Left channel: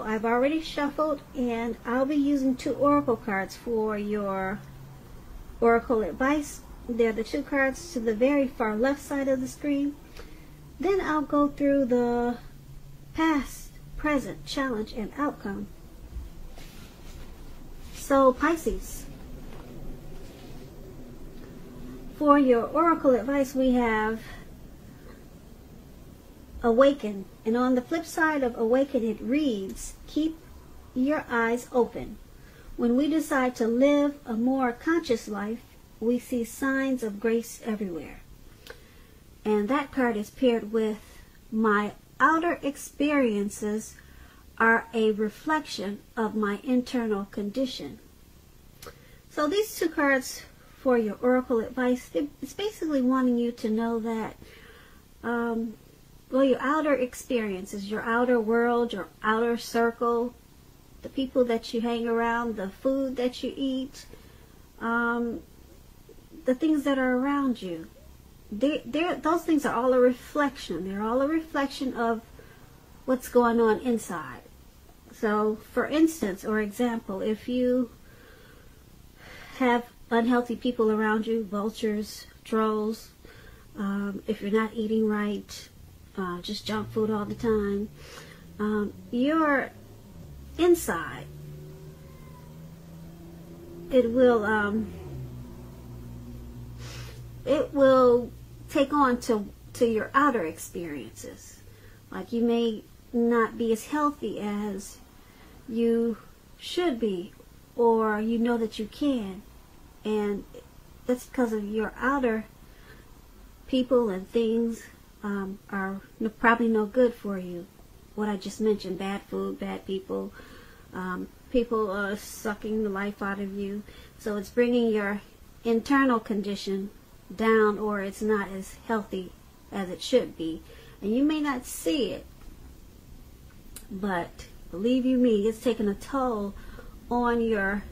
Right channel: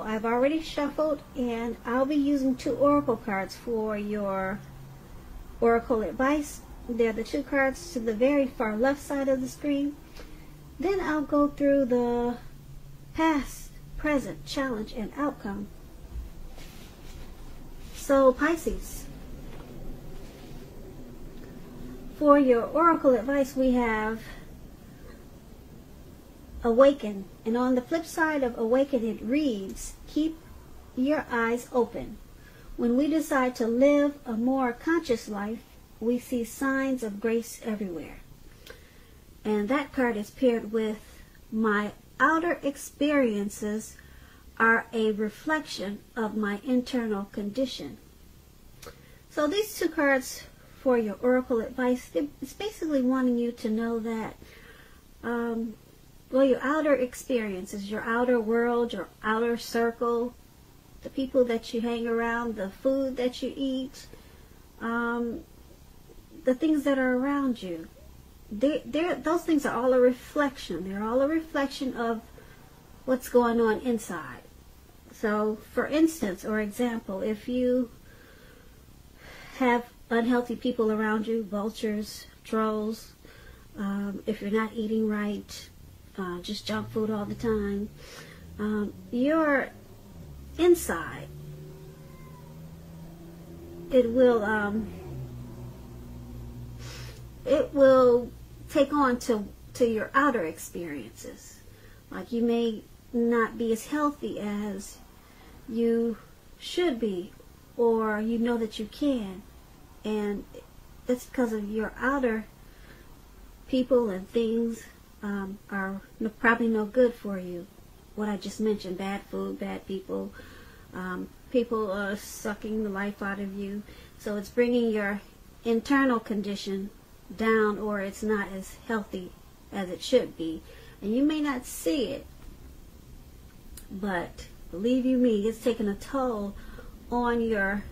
I've already shuffled, and I'll be using 2 oracle cards for your oracle advice. They're the 2 cards to the very far left side of the screen. Then I'll go through the past, present, challenge, and outcome. So Pisces, for your oracle advice we have awaken, and on the flip side of awaken it reads, keep your eyes open. When we decide to live a more conscious life, we see signs of grace everywhere. And that card is paired with, my outer experiences are a reflection of my internal condition. So these 2 cards for your oracle advice, it's basically wanting you to know that well, your outer experiences, your outer world, your outer circle, the people that you hang around, the food that you eat, the things that are around you, those things are all a reflection. They're all a reflection of what's going on inside. So, for instance, or example, if you have unhealthy people around you, vultures, trolls, if you're not eating right, just junk food all the time, your inside, it will take on to your outer experiences. Like, you may not be as healthy as you should be, or you know that you can, and that's because of your outer people and things are probably no good for you. What I just mentioned, bad food, bad people, people sucking the life out of you. So it's bringing your internal condition down, or it's not as healthy as it should be. And you may not see it, but believe you me, it's taking a toll on your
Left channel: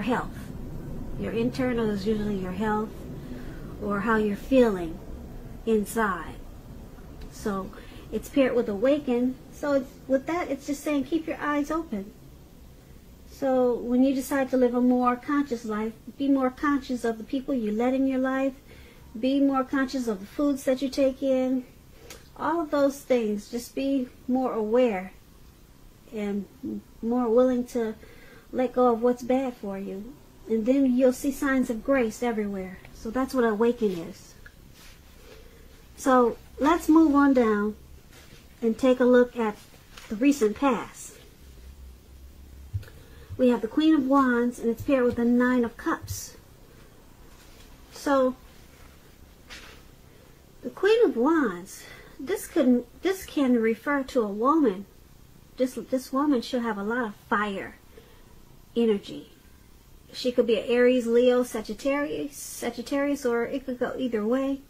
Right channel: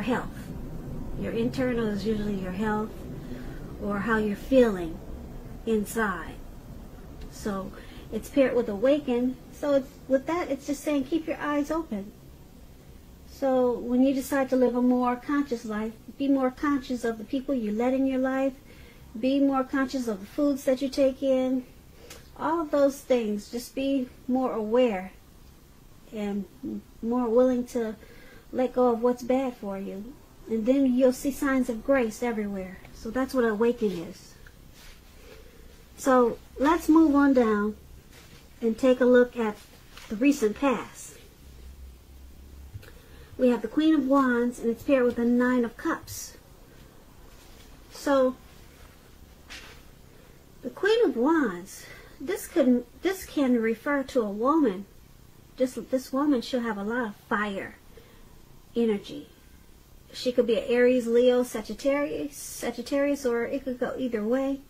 health. Your internal is usually your health, or how you're feeling inside. So it's paired with awaken. So with that, it's just saying keep your eyes open. So when you decide to live a more conscious life, be more conscious of the people you let in your life. Be more conscious of the foods that you take in. All of those things. Just be more aware and more willing to let go of what's bad for you. And then you'll see signs of grace everywhere. So that's what awaken is. So let's move on down and take a look at the recent past. We have the Queen of Wands, and it's paired with the 9 of Cups. So the Queen of Wands, this can refer to a woman. This woman should have a lot of fire energy. She could be an Aries, Leo, Sagittarius, or it could go either way.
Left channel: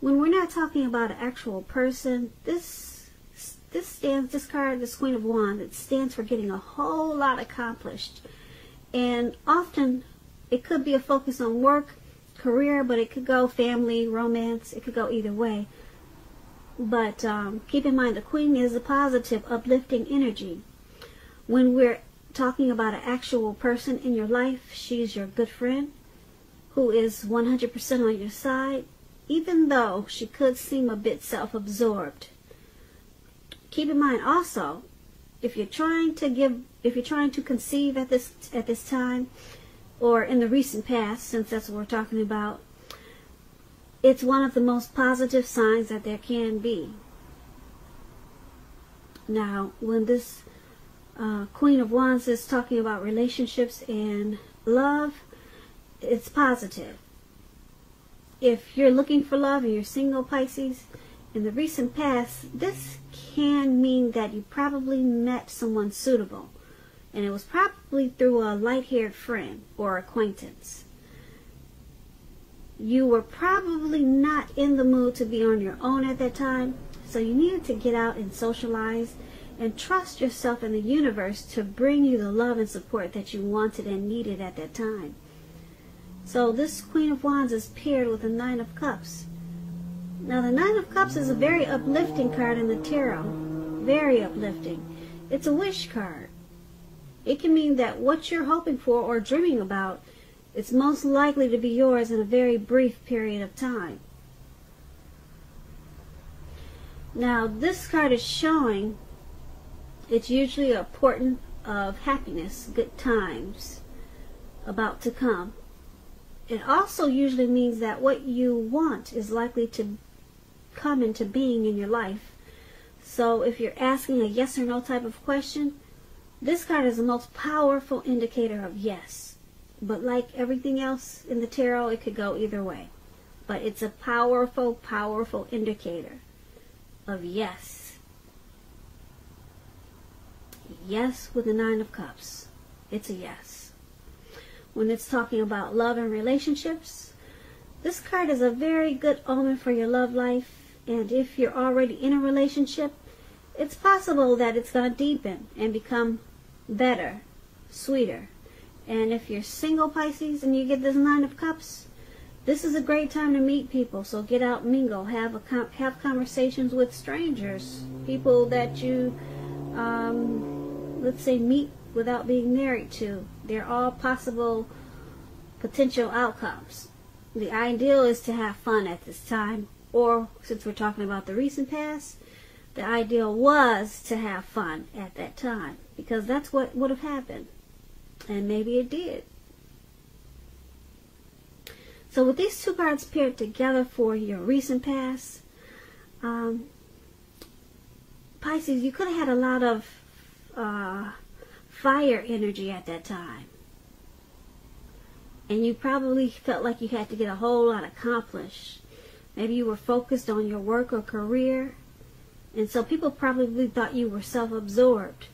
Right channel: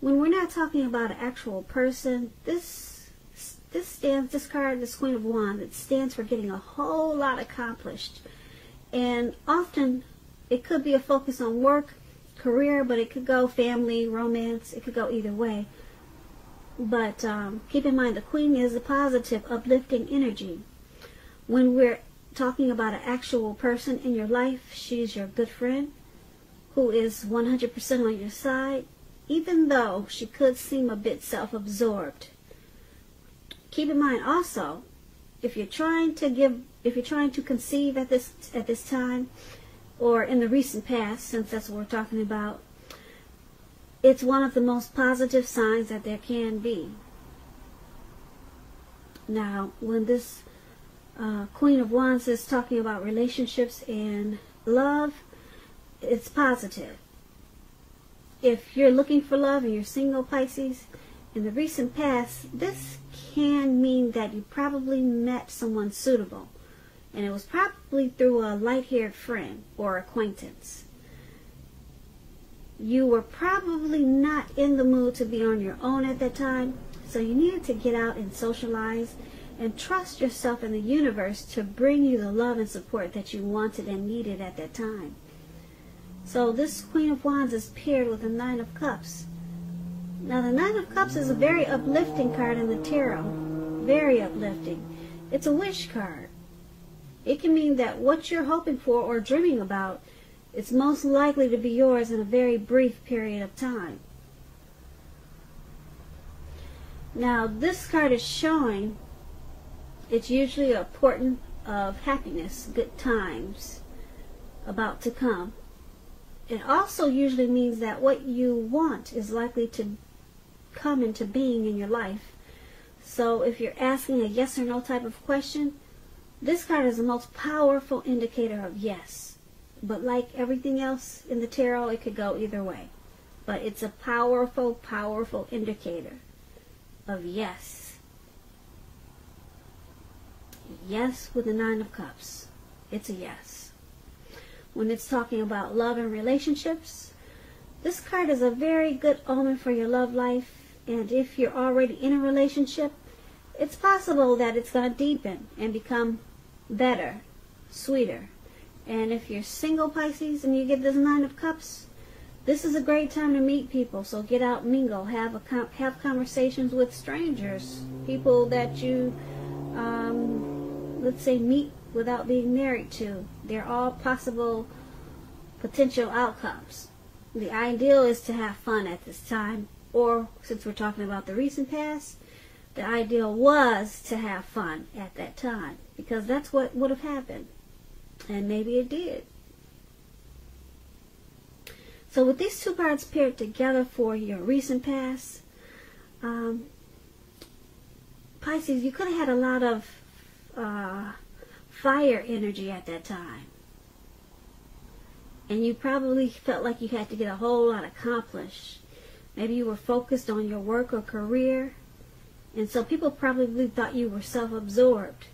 When we're not talking about an actual person, this card, this Queen of Wands, it stands for getting a whole lot accomplished. And often it could be a focus on work, career, but it could go family, romance. It could go either way. But keep in mind, the Queen is a positive, uplifting energy. When we're talking about an actual person in your life, she's your good friend who is 100% on your side, even though she could seem a bit self-absorbed. Keep in mind also, if you're trying to conceive at this time, or in the recent past, since that's what we're talking about, it's one of the most positive signs that there can be. Now, when this Queen of Wands is talking about relationships and love, it's positive. If you're looking for love and you're single, Pisces, in the recent past, this can mean that you probably met someone suitable. And it was probably through a light-haired friend or acquaintance. You were probably not in the mood to be on your own at that time, so you needed to get out and socialize and trust yourself in the universe to bring you the love and support that you wanted and needed at that time. So this Queen of Wands is paired with the 9 of Cups. Now the 9 of Cups is a very uplifting card in the tarot. very uplifting. It's a wish card. It can mean that what you're hoping for or dreaming about is most likely to be yours in a very brief period of time. Now, this card is showing it's usually a portent of happiness, good times about to come. It also usually means that what you want is likely to come into being in your life. So if you're asking a yes or no type of question, this card is the most powerful indicator of yes. But like everything else in the tarot, it could go either way. But it's a powerful, powerful indicator of yes. Yes with the Nine of Cups. It's a yes. When it's talking about love and relationships, this card is a very good omen for your love life. And if you're already in a relationship, it's possible that it's going to deepen and become better, sweeter. And if you're single, Pisces, and you get this Nine of Cups, this is a great time to meet people. So get out, mingle, have conversations with strangers, people that you, let's say, meet without being married to. They're all possible potential outcomes. The ideal is to have fun at this time. Or, since we're talking about the recent past, the ideal was to have fun at that time. Because that's what would have happened. And maybe it did. So with these two cards paired together for your recent past, Pisces, you could have had a lot of fire energy at that time. And you probably felt like you had to get a whole lot accomplished. Maybe you were focused on your work or career. And so people probably thought you were self-absorbed.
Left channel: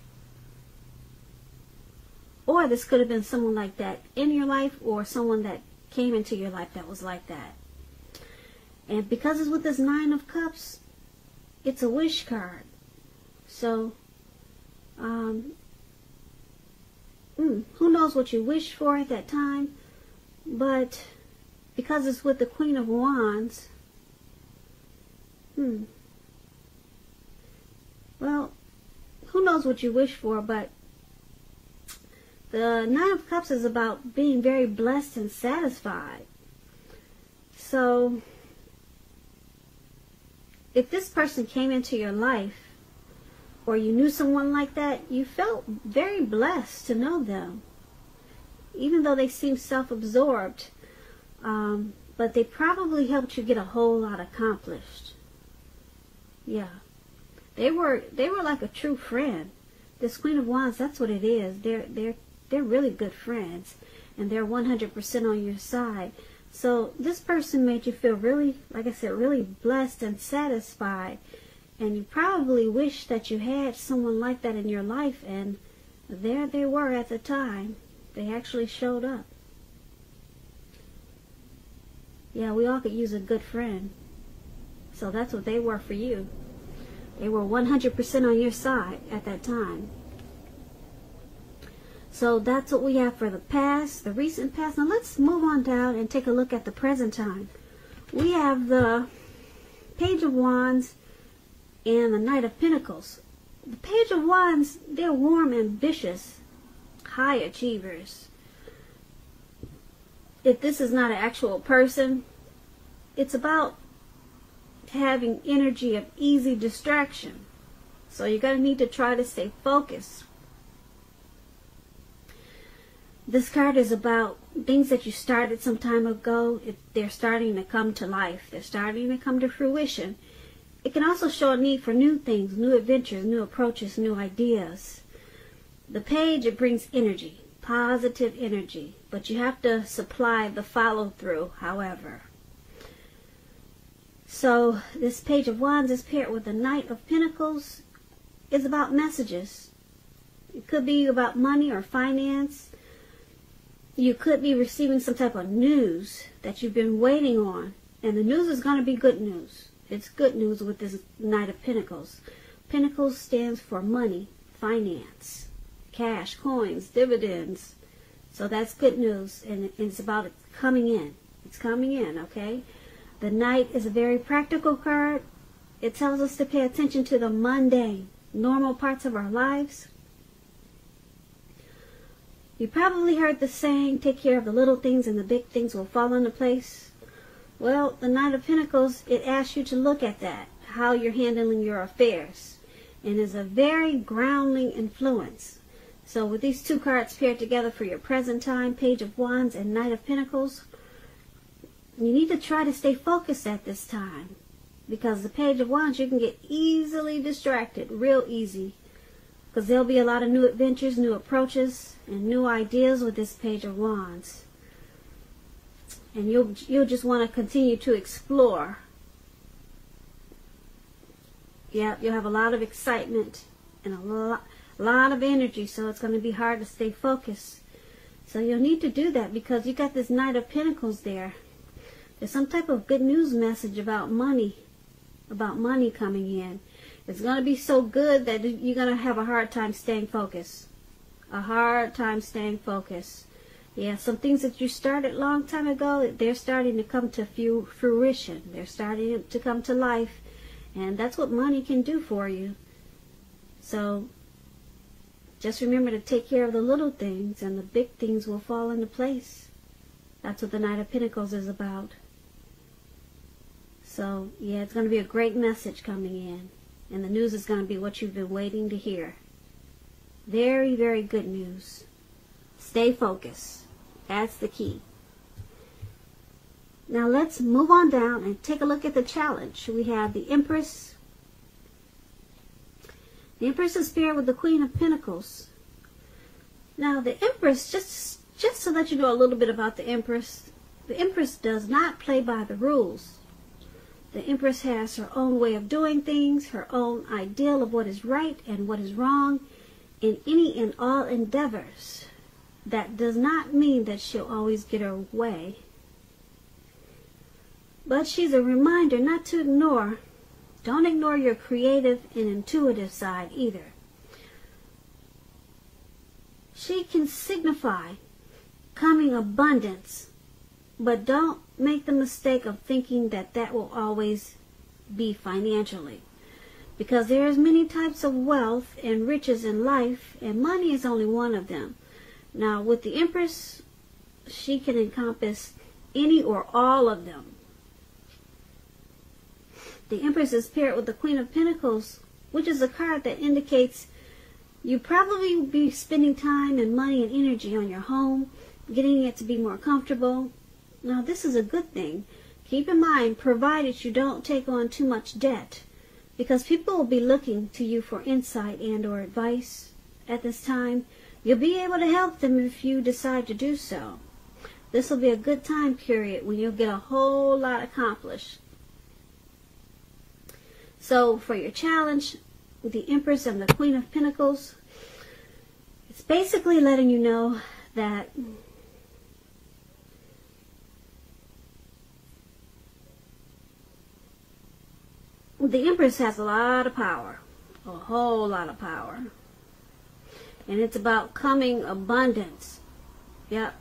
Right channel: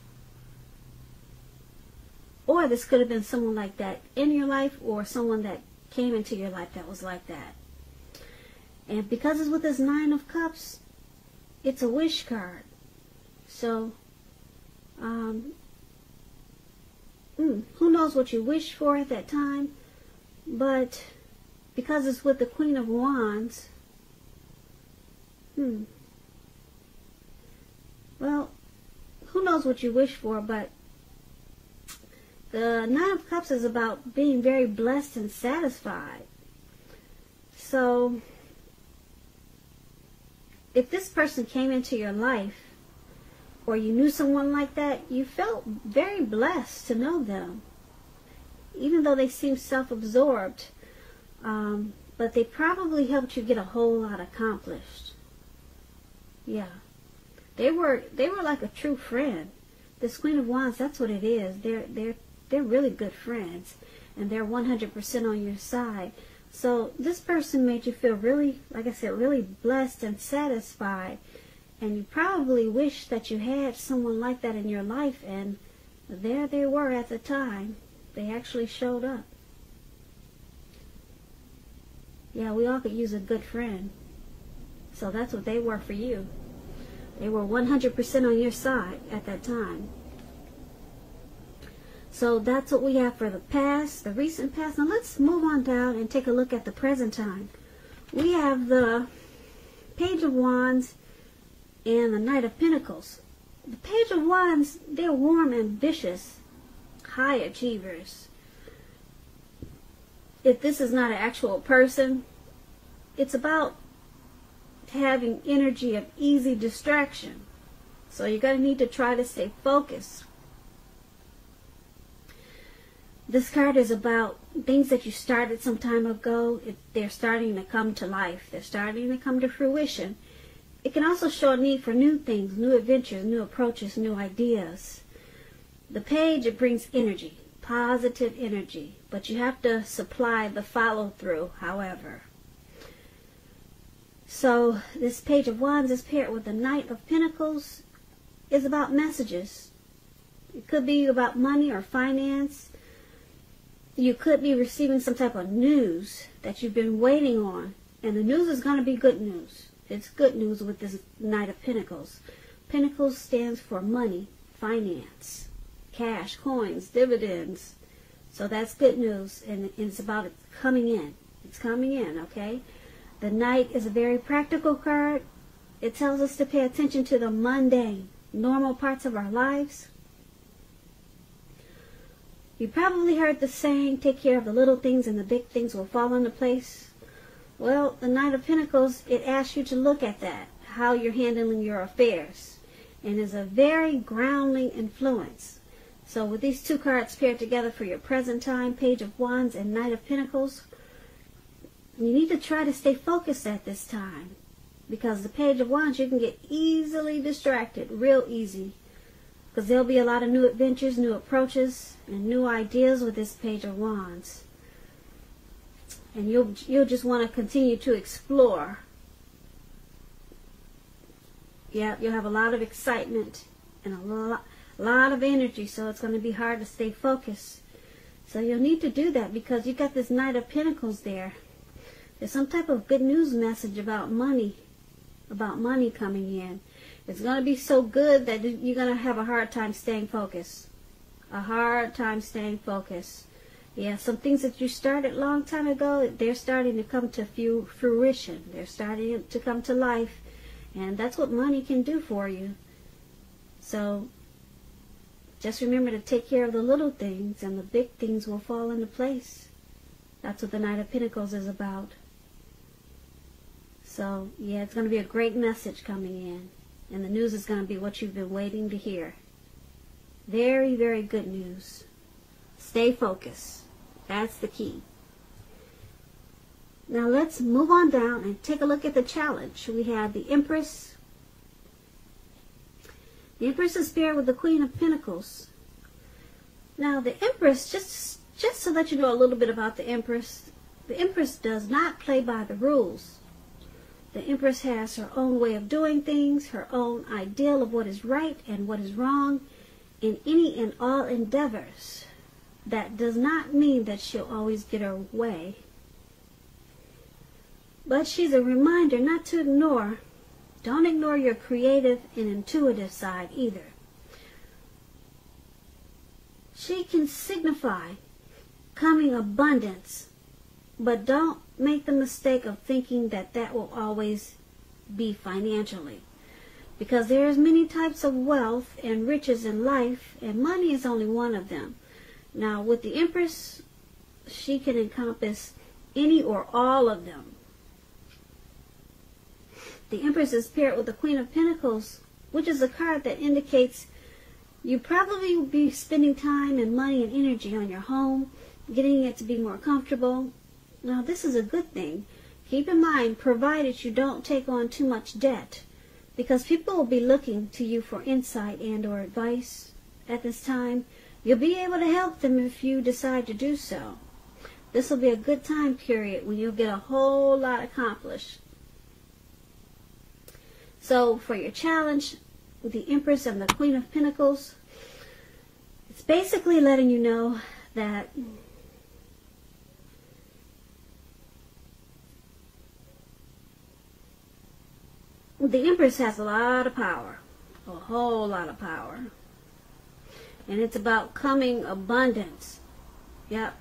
Or this could have been someone like that in your life, or someone that came into your life that was like that. And because it's with this Nine of Cups, it's a wish card. So, who knows what you wished for at that time, but because it's with the Queen of Wands, well, who knows what you wish for, but the Nine of Cups is about being very blessed and satisfied. So, if this person came into your life, or you knew someone like that, you felt very blessed to know them. Even though they seemed self-absorbed, but they probably helped you get a whole lot accomplished. Yeah. They were like a true friend. This Queen of Wands, that's what it is. They're really good friends, and they're 100% on your side. So this person made you feel really, like I said, really blessed and satisfied. And you probably wish that you had someone like that in your life, and there they were at the time. They actually showed up. Yeah, we all could use a good friend. So that's what they were for you. They were 100% on your side at that time. So that's what we have for the past, the recent past. Now let's move on down and take a look at the present time. We have the Page of Wands and the Knight of Pentacles. The Page of Wands, they're warm, ambitious, high achievers. If this is not an actual person, it's about having energy of easy distraction. So you're going to need to try to stay focused. This card is about things that you started some time ago. They're starting to come to life. They're starting to come to fruition. It can also show a need for new things, new adventures, new approaches, new ideas. The page, it brings energy, positive energy. But you have to supply the follow-through, however. So this Page of Wands is paired with the Knight of Pentacles. It's about messages. It could be about money or finance. You could be receiving some type of news that you've been waiting on. And the news is going to be good news. It's good news with this Knight of Pentacles. Pentacles stands for money, finance, cash, coins, dividends. So that's good news. And it's about it coming in. It's coming in, okay? The Knight is a very practical card. It tells us to pay attention to the mundane. normal parts of our lives. You probably heard the saying, take care of the little things and the big things will fall into place. Well, the Knight of Pentacles, it asks you to look at that, how you're handling your affairs. And is a very grounding influence. So with these two cards paired together for your present time, Page of Wands and Knight of Pentacles, you need to try to stay focused at this time. Because the Page of Wands, you can get easily distracted, real easy. Because there'll be a lot of new adventures, new approaches, and new ideas with this Page of Wands. And you'll just want to continue to explore. Yeah, you'll have a lot of excitement and a lot of energy, so it's going to be hard to stay focused. So you'll need to do that because you got this Knight of Pentacles there. There's some type of good news message about money coming in. It's going to be so good that you're going to have a hard time staying focused. A hard time staying focused. Yeah, some things that you started a long time ago, they're starting to come to fruition. They're starting to come to life. And that's what money can do for you. So, just remember to take care of the little things and the big things will fall into place. That's what the Knight of Pentacles is about. So, yeah, it's going to be a great message coming in. And the news is going to be what you've been waiting to hear. Very, very good news. Stay focused. That's the key. Now let's move on down and take a look at the challenge. We have the Empress. The Empress is paired with the Queen of Pentacles. Now the Empress, just to let you know a little bit about the Empress does not play by the rules. The Empress has her own way of doing things, her own ideal of what is right and what is wrong in any and all endeavors. That does not mean that she'll always get her way. But she's a reminder not to ignore. Don't ignore your creative and intuitive side either. She can signify coming abundance, but don't make the mistake of thinking that that will always be financially. Because there's many types of wealth and riches in life, and money is only one of them. Now, with the Empress, she can encompass any or all of them. The Empress is paired with the Queen of Pentacles, which is a card that indicates you probably will be spending time and money and energy on your home, getting it to be more comfortable. Now, this is a good thing. Keep in mind, provided you don't take on too much debt, because people will be looking to you for insight and or advice at this time. You'll be able to help them if you decide to do so. This will be a good time period when you'll get a whole lot accomplished. So for your challenge, with the Empress and the Queen of Pentacles, it's basically letting you know that the Empress has a lot of power, a whole lot of power. And it's about coming abundance. Yep.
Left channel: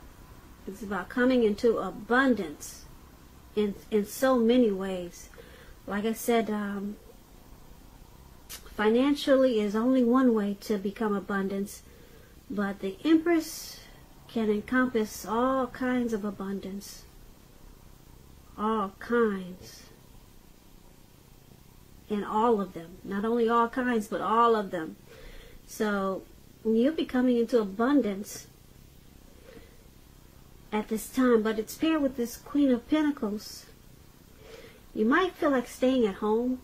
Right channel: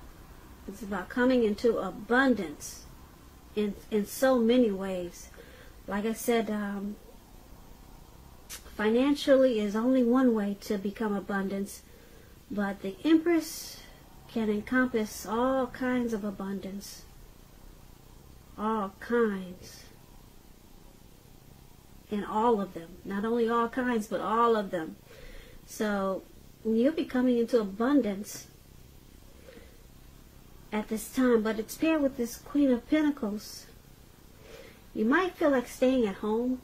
It's about coming into abundance in so many ways. Like I said, financially is only one way to become abundance, but the Empress can encompass all kinds of abundance. All kinds. And all of them. Not only all kinds, but all of them. So you'll be coming into abundance at this time, but it's paired with this Queen of Pentacles. You might feel like staying at home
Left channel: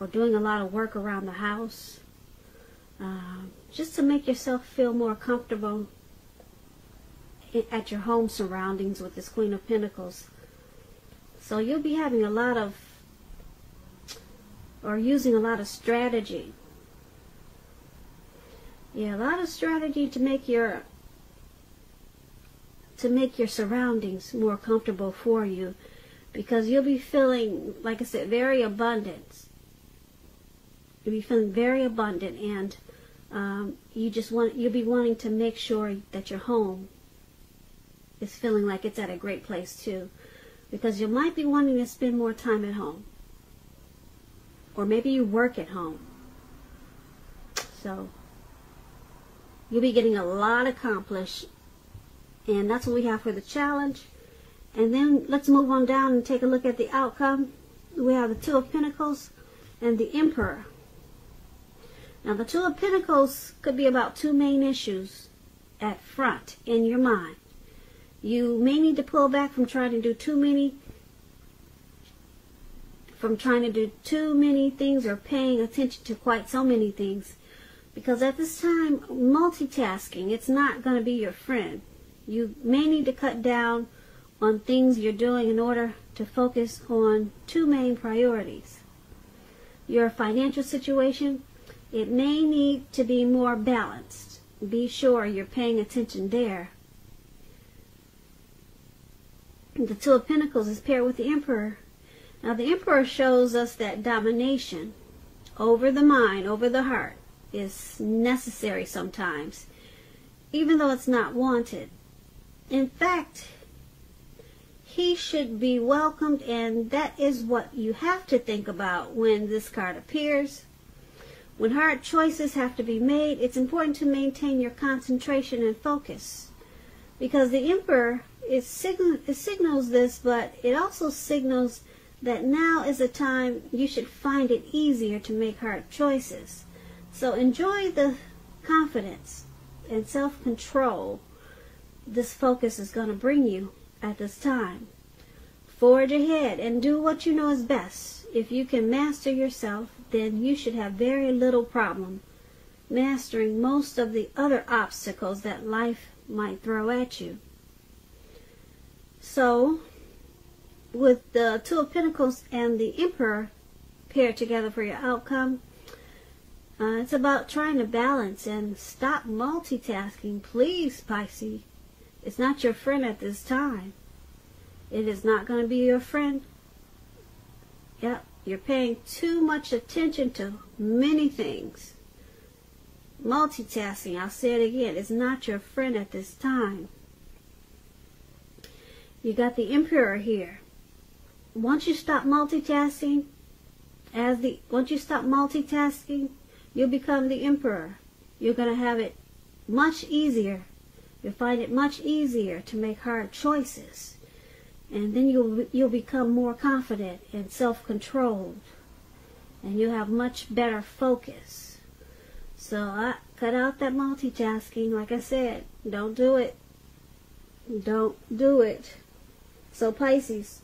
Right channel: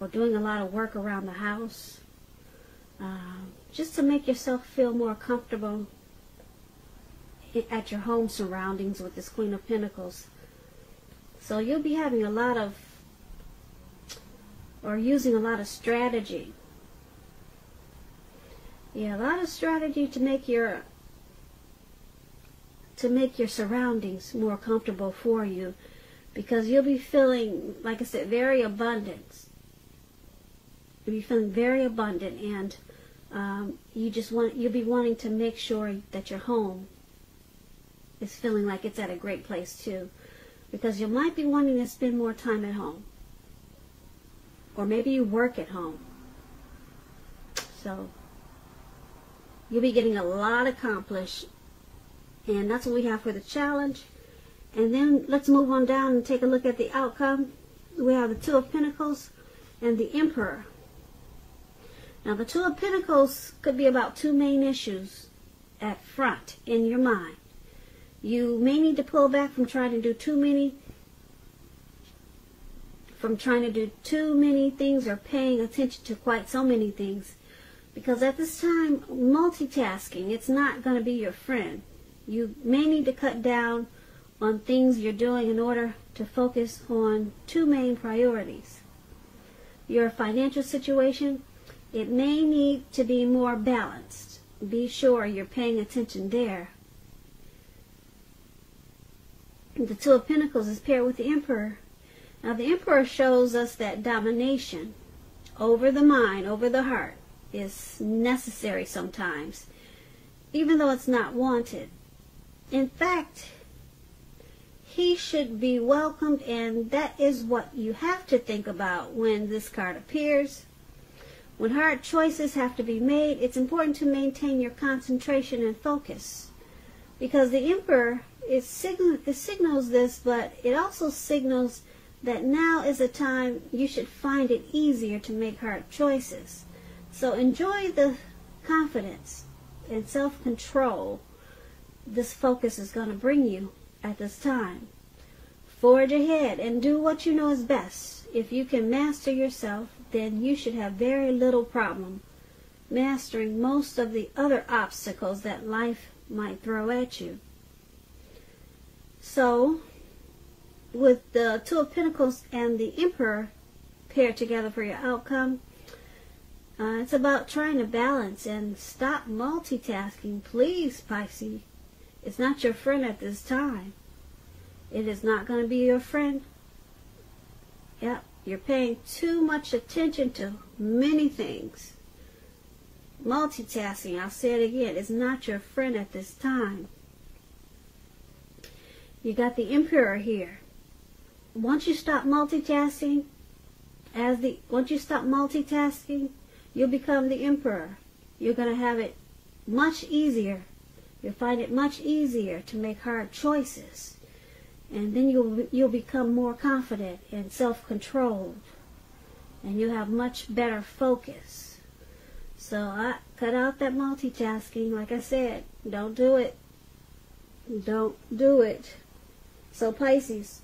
or doing a lot of work around the house just to make yourself feel more comfortable at your home surroundings with this Queen of Pentacles. So you'll be having a lot of, or using a lot of strategy. Yeah, a lot of strategy to make your surroundings more comfortable for you, because you'll be feeling, like I said, very abundant. You'll be feeling very abundant, and you'll be wanting to make sure that your home is feeling like it's at a great place too, because you might be wanting to spend more time at home, or maybe you work at home. So you'll be getting a lot accomplished. And that's what we have for the challenge. And then let's move on down and take a look at the outcome. We have the Two of Pentacles and the Emperor. Now the Two of Pentacles could be about two main issues at front in your mind. You may need to pull back from trying to do too many things or paying attention to quite so many things. Because at this time, multitasking, it's not going to be your friend. You may need to cut down on things you're doing in order to focus on two main priorities. Your financial situation, it may need to be more balanced. Be sure you're paying attention there. The Two of Pentacles is paired with the Emperor. Now the Emperor shows us that domination over the mind, over the heart, is necessary sometimes, even though it's not wanted. In fact, he should be welcomed, and that is what you have to think about when this card appears. When hard choices have to be made, it's important to maintain your concentration and focus, because the Emperor it signals this, but it also signals that now is a time you should find it easier to make hard choices. So enjoy the confidence and self-control this focus is going to bring you at this time. Forge ahead and do what you know is best. If you can master yourself, then you should have very little problem mastering most of the other obstacles that life might throw at you. So, with the Two of Pentacles and the Emperor paired together for your outcome, it's about trying to balance and stop multitasking. Please, Pisces. It's not your friend at this time. It is not going to be your friend. Yeah, you're paying too much attention to many things. Multitasking, I'll say it again, is not your friend at this time. You got the Emperor here. Once you stop multitasking, you'll become the Emperor. You're going to have it much easier. You'll find it much easier to make hard choices. And then you'll become more confident and self-controlled. And you'll have much better focus. So cut out that multitasking. Like I said, don't do it. Don't do it. So Pisces,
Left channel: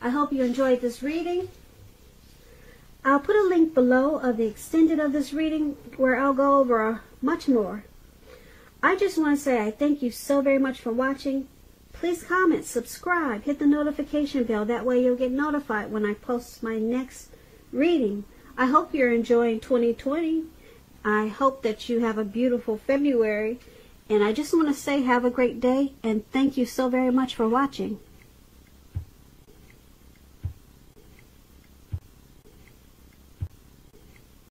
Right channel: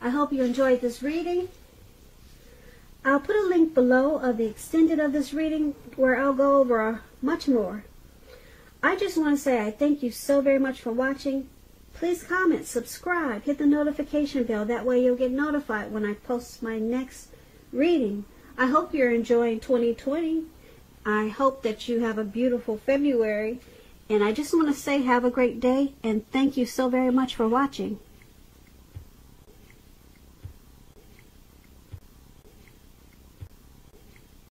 I hope you enjoyed this reading. I'll put a link below of the extended of this reading where I'll go over much more. I just want to say I thank you so very much for watching. Please comment, subscribe, hit the notification bell. That way you'll get notified when I post my next reading. I hope you're enjoying 2020. I hope that you have a beautiful February. And I just want to say have a great day and thank you so very much for watching.